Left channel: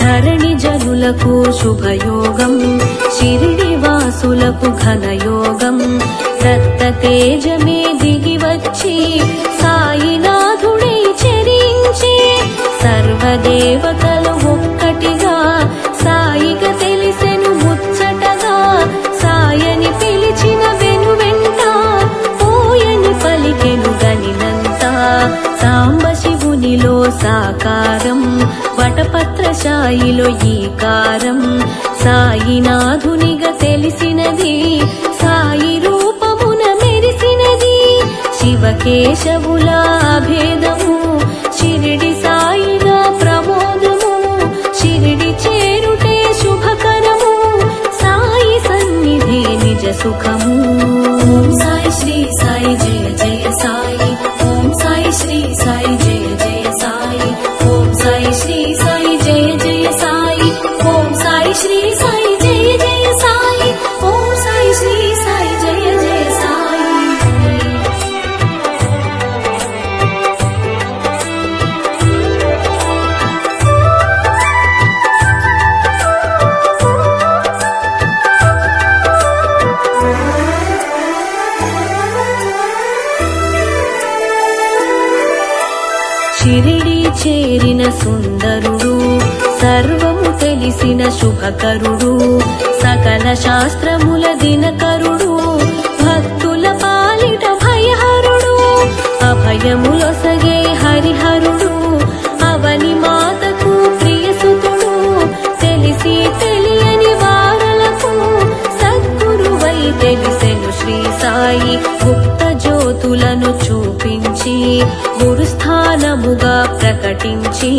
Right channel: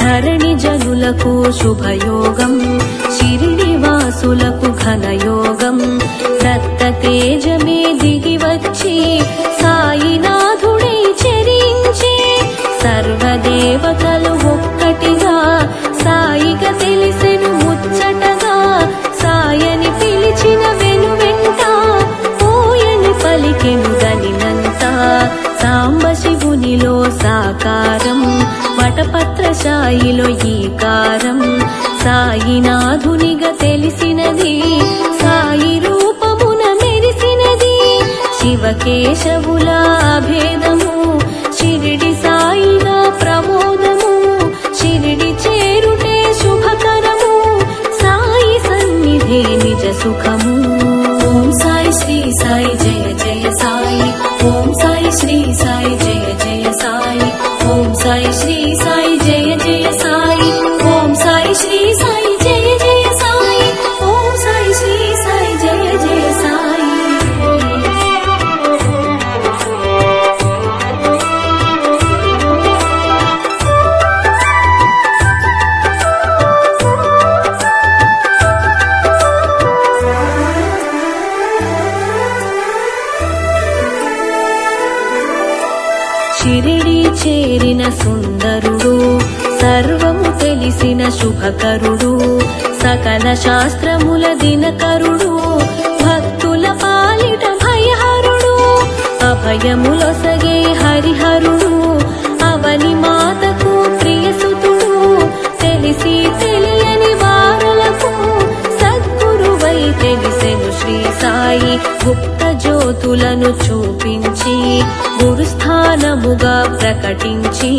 ధరణి జనులకు శుభయోగం, షిరిడి వాసులకు ఘనయోగం. దత్త తేజమే దిగి వచ్చి సాయినాథుడై చెరించే, సర్వదేవతలు ఒక్కటిగా సాయిగా తెలిసెను ముచ్చటగా. సాయని పిలిచిన వెనువెంట పోయని పలికెను గనినంత. సాంబ శివునిలో సాకారం, వటపత్రశాయిలో ఈకారం. సాయినాథునిగా తెలిసినది, సాయి రూపమున మెరిసినది. శివకేశవుల భేదము, షిరిడి సాయిగా ప్రమోదము. షిరిడి చేరుటే శుభకరము, సాయి సన్నిధే నిజ సుఖము. ఓం సాయి శ్రీ సాయి జయ జయ సాయి, ఓం సాయి శ్రీ సాయి జయ జయ సాయి, ఓం సాయి శ్రీ సాయి జయ జయ సాయి, ఓం సాయి శ్రీ సాయి జయ జయ సాయి, ఓం సాయి శ్రీ సాయి జయ జయ సాయి. షిరిడి చేరిన సుందరుడు, సర్వము తెలిసిన శుభకరుడు. సకల శాస్త్రముల దినకరుడు, భక్తుల పాలిట భయహరుడు. అభయములొసగే హరిహరుడు, అవని మాతకు ప్రియసుతుడు. తెలిసి తెలియని వారలకు సద్గురువై తెలిసెను శ్రీ సాయి. గుప్త జ్యోతులను చూపించి గురుస్థానముగా ప్రకటించి,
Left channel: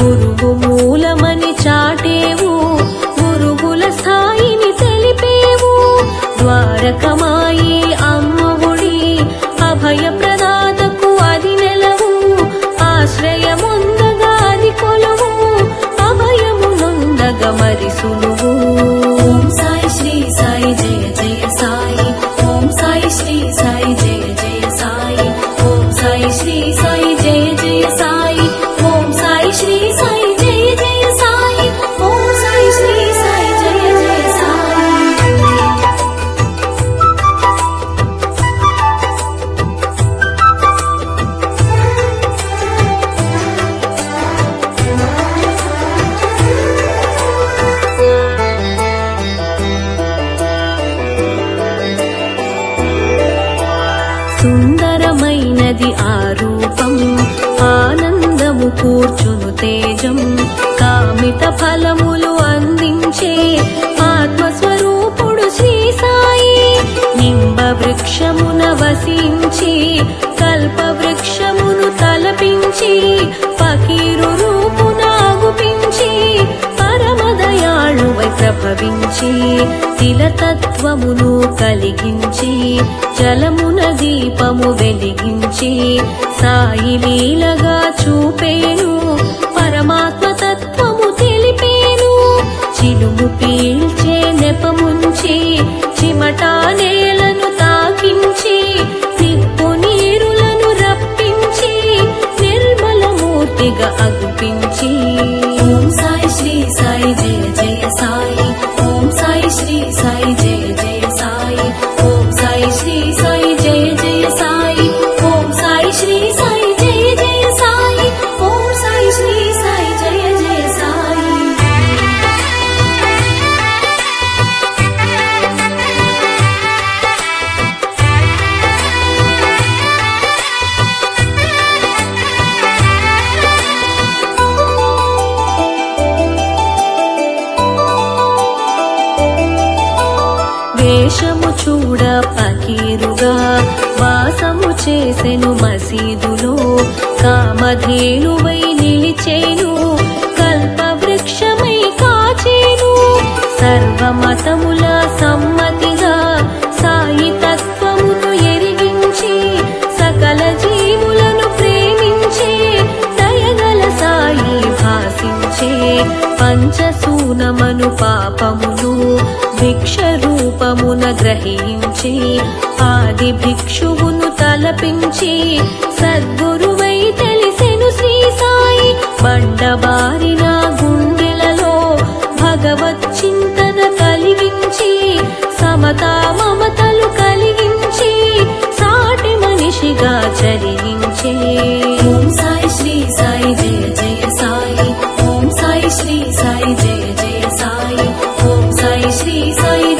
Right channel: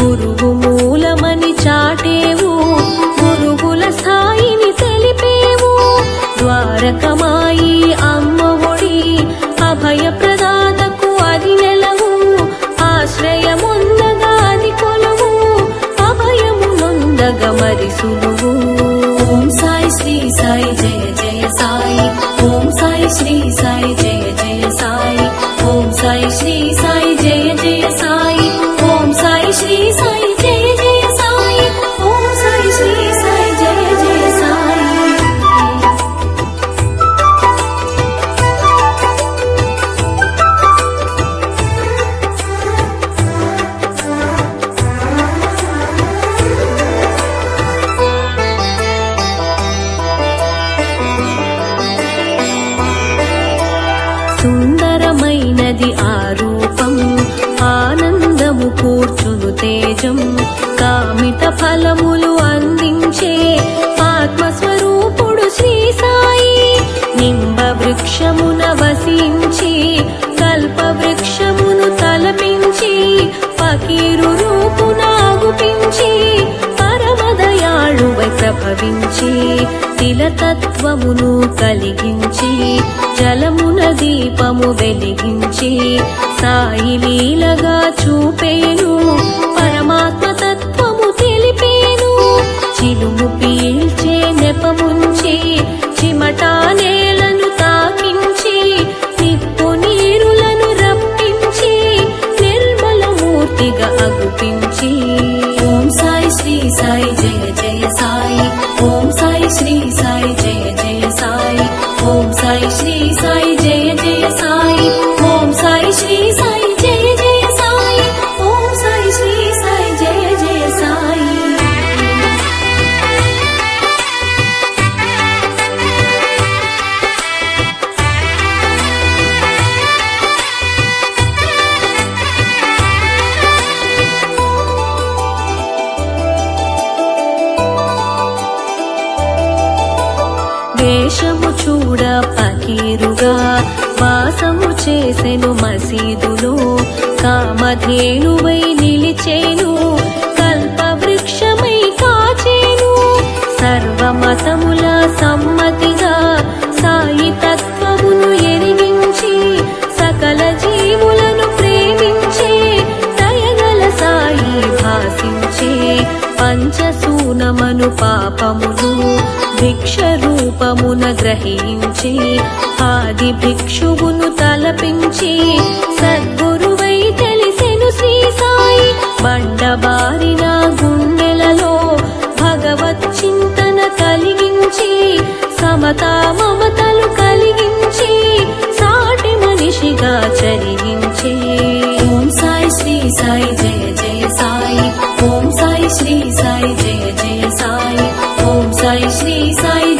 గురువు మూలమని చాటేవు, గురువుల స్థాయిని తెలిపేవు. ద్వారకమాయి అమ్మఒడి, అభయ ప్రదాతకు అది నెలవు. ఆశ్రయముందగా అది కొలువు, అభయము నొందగా మరి సులువు. ఓం సాయి శ్రీ సాయి జయ జయ సాయి, ఓం సాయి శ్రీ సాయి జయ జయ సాయి, ఓం సాయి శ్రీ సాయి జయ జయ సాయి, ఓం సాయి శ్రీ సాయి జయ జయ సాయి, ఓం సాయి శ్రీ సాయి జయ జయ సాయి. సుందరమైనది ఆ రూపం, ఆనందము కూర్చును తేజం. కామిత ఫలములు అందించే ఆత్మస్వరూపుడు శ్రీ సాయి. నింబ వృక్షమున వసించి, కల్ప వృక్షమును తలపించి, ఫకీరు రూపునాగుపించి, పరమదయాళువై ప్రభవించి, తిలతత్వమును కలిగించి, జలమున దీపము వెలిగించి, సాయి లీలగా చూపేను, పరమాత్మ తత్వము తెలిపేను. చిలుము పీల్చే నెపముంచి, చిమటా నేలను తాకించి, నిప్పు నీరులను రప్పించి, నిర్మలమూర్తిగా అగుపించి. ఓం సాయి శ్రీ సాయి జయ జయ సాయి, ఓం సాయి శ్రీ సాయి జయ జయ సాయి, ఓం సాయి శ్రీ సాయి జయ జయ సాయి, ఓం సాయి శ్రీ సాయి జయ జయ సాయి, ఓం సాయి శ్రీ సాయి జయ జయ సాయి. వేషము చూడ పకీరుగా వాసము చేసెను మసీదులో. కామధేనువై నిలిచేను, కల్పవృక్షమై కాచేను. సర్వమతముల సమ్మతిగా సాయి తత్వమును ఎరిగించి, సకల జీవులను ప్రేమించి, భాసించే పంచసూనమను పాపములు భిక్ష రూపమున గ్రహించి ఆది భిక్షువును తలపించి సద్గురువై తెలిసెను శ్రీ సాయి బండబారిన గుండెలలో భగవత్ చింతన కలిగించి సమతా మమతలు కలిగించి సాటి మనిషిగా చరించే. ఓం సాయి శ్రీ సాయి జయ జయ సాయి, ఓం సాయి శ్రీ సాయి జయ జయ సాయి, ఓం సాయి శ్రీ సాయి